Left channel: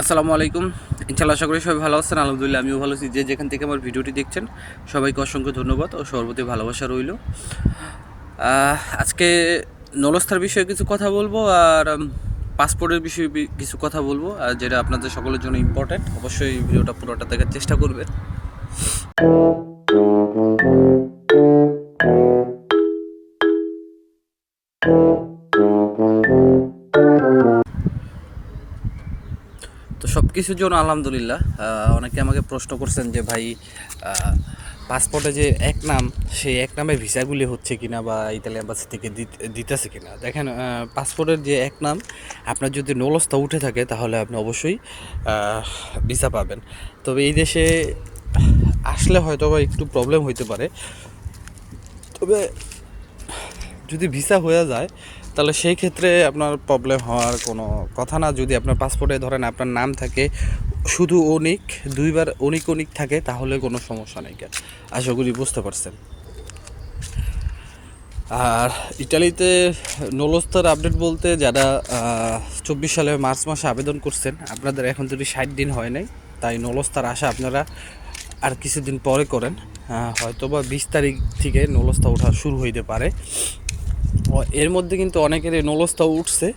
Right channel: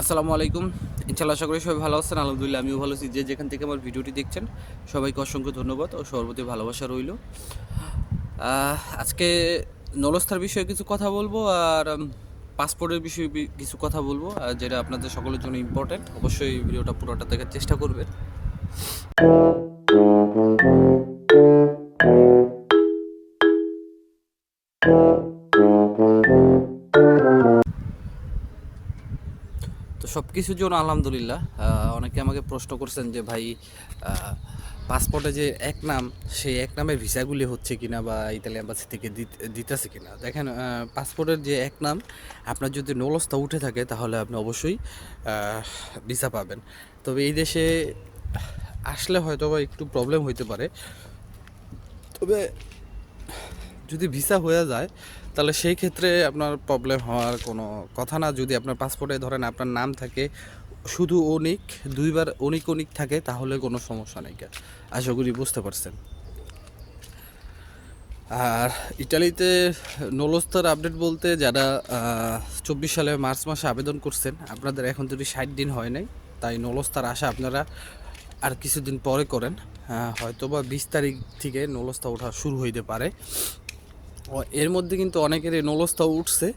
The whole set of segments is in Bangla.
আসসালামু আলাইকুম। ইনশাল্লাহ আশা করি সবাই ভালো আছেন। আলহামদুলিল্লাহ আমিও ভালো আছি। যে যেখান থেকে আমার ভিডিওটি দেখছেন, সবাইকে অসংখ্য ধন্যবাদ ও সর্বতি ভালোবাসা রইল। আজকে নলস্থার বিষয়ে কিছু কথা বলব আর পাসপোর্টের বিষয়ে কিছু কথা বলব, আর যেটা আপনাদের সকলের জন্য ইম্পর্ট্যান্ট অবশ্যই ভিডিওটা পুরোটা দেখার চেষ্টা করবেন। কিছুর জন্য আলহামদুলিল্লাহ। অনেকে আমাকে প্রশ্ন করছেন যে ভাই পাসপোর্টে যে এক নাম, সেই এক নামে ভিসাগুলি হচ্ছে কিনা বা ইতালি এম্বাসি থেকে দিত- দিতেছে কিনা? দেখেন পাসপোর্টের যে এক নাম, আপনার যদি নলস্তা উঠে থাকে, তাহলে আপনি অবশ্যই ভিসা পাবেন। তবে এই দেশে আসলে হয়তো বা একটু প্রবলেম হইতে পারে। তবে যদি ভিসা হয়ে যায়, তাহলে সেই ক্ষেত্রে আপনার প্রবলেম হওয়ার কোনো কথা না। যদি আপনার পাসপোর্টে ধরেন আপনার নাম থাকে, শুধু অনিক দুইবার অনিক অনিক থাকে, তাহলে কোনো সমস্যা নেই আশা করি বুঝতে পারছেন। আর ইটালিতে নলস্তার আপডেট বলতে যারা চব্বিশ সালে মার্চ মাসে আবেদন করছেন, আপনাদের এখন যদি ষাট দিন হয় নাই, তাই নলস্তার আশা আপনারা আর কিছুদিন পরে করেন। হয়তো বা বিশ তারিখ থেকে নলস্তা ওঠা শুরু হইতে পারে। এর মধ্যে কিন্তু অনেকের এই নলস্তা উঠছে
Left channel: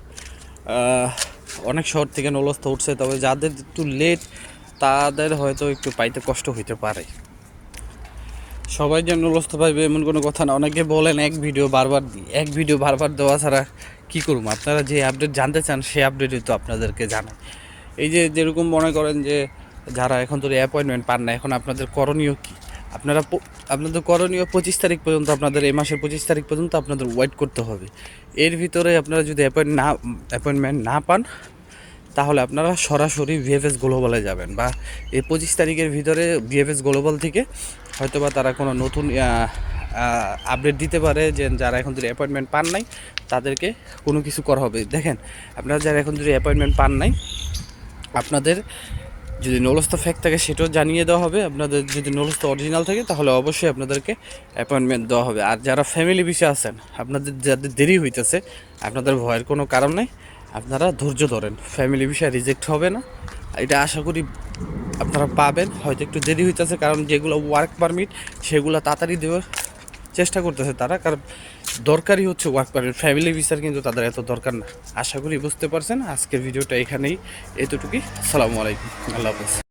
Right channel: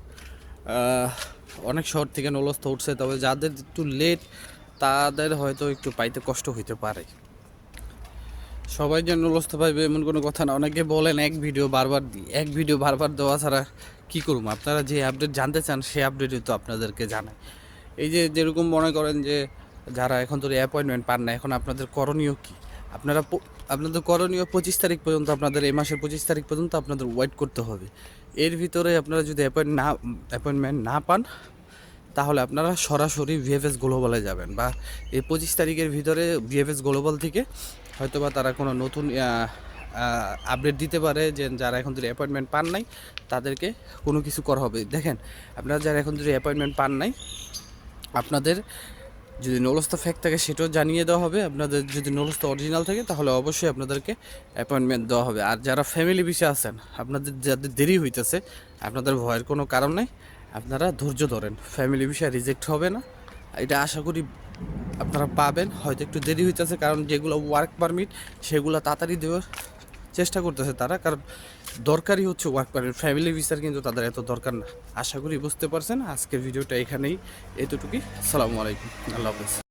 অনেক শহর থেকে নলস্তা উঠছে, তবে যাদের একটু লেট তাদের হয়তো একটু পাইতে কষ্ট হইতে পারে। সবাই যে নলস্ত পাইবে এমন কোনো কথা না। অনেকে বলেন, এক ভিডিও বারবার এক ভিডিও বারবার দেওয়া ছাড়া কী করব? আপনারা যে আপডেট জানতে চান, সেই আপডেটই তো আপনাদেরকে জানাই। এই যে যেরকম মনে করেন যে, যারা এখন তো অ্যাপয়েন্টমেন্ট পান না, এখন আপনাদের করণীয় কী? আপনারা আপনাদের করণীয় পঁচিশ তারিখ পর্যন্ত, আপনাদের এই মাসের পঁচিশ তারিখ পর্যন্ত আপনাদের ওয়েট করতে হবে। এর ভিতরে আপনারা যদি অ্যাপয়েন্ট না অ্যাপয়েন্টমেন্ট না পান, তাহলে আপনারা সরাসরি ভিএফএস গ্লোবালে যাবেন বা এই পঁচিশ তারিখের ভিতরে ভিএফএস গ্লোবাল থেকে হয়তো বা তারা কোনো নতুন আপডেট দিতে পারে যে যারা এখন যদি অ্যাপয়েন্টমেন্ট পান নাই, তাদেরকে কোনো কিছু করা হবে। দেখেন, আপনারা যারা এখন যদি অ্যাপয়েন্টমেন্ট পান নাই, আপনাদের যদি নলস্ত ফ্যাক থাকে সেটাও জানিয়ে দেওয়া হবে। আপনাদের যদি নলস্ত অরিজিনাল থাকে, তাহলে অবশ্যই আপনাদেরকে অ্যাপয়েন্টমেন্ট দেওয়া হবে। আর যারা ফ্যামিলি বিষয়ে আছেন, আপনাদের যাদের দেরি হইতেছে, আপনাদের ভয়ের কোনো কারণ নেই। আপনারা ধৈর্য ধরেন। ফ্যামিলি বিষয়ে রিজেক্ট হবে না। এটা আশা করি আপনারা পাবেন। হয়তো একটু দেরি হইতেছে, কারণ যেগুলো ওয়ার্ক পারমিট সেগুলো তাড়াতাড়ি দেওয়ার চেষ্টা করতেছে তারা, কারণ দরকারই হচ্ছে ওয়ার্ক পারমিট ফ্যামিলি ভিসার কিন্তু তাদের এত দরকার না। আশা করি বুঝতে পারছেন। আজকের ভিডিওটা এখানেই। এতটুকুই। আসসালামু আলাইকুম। আল্লাহ হাফেজ।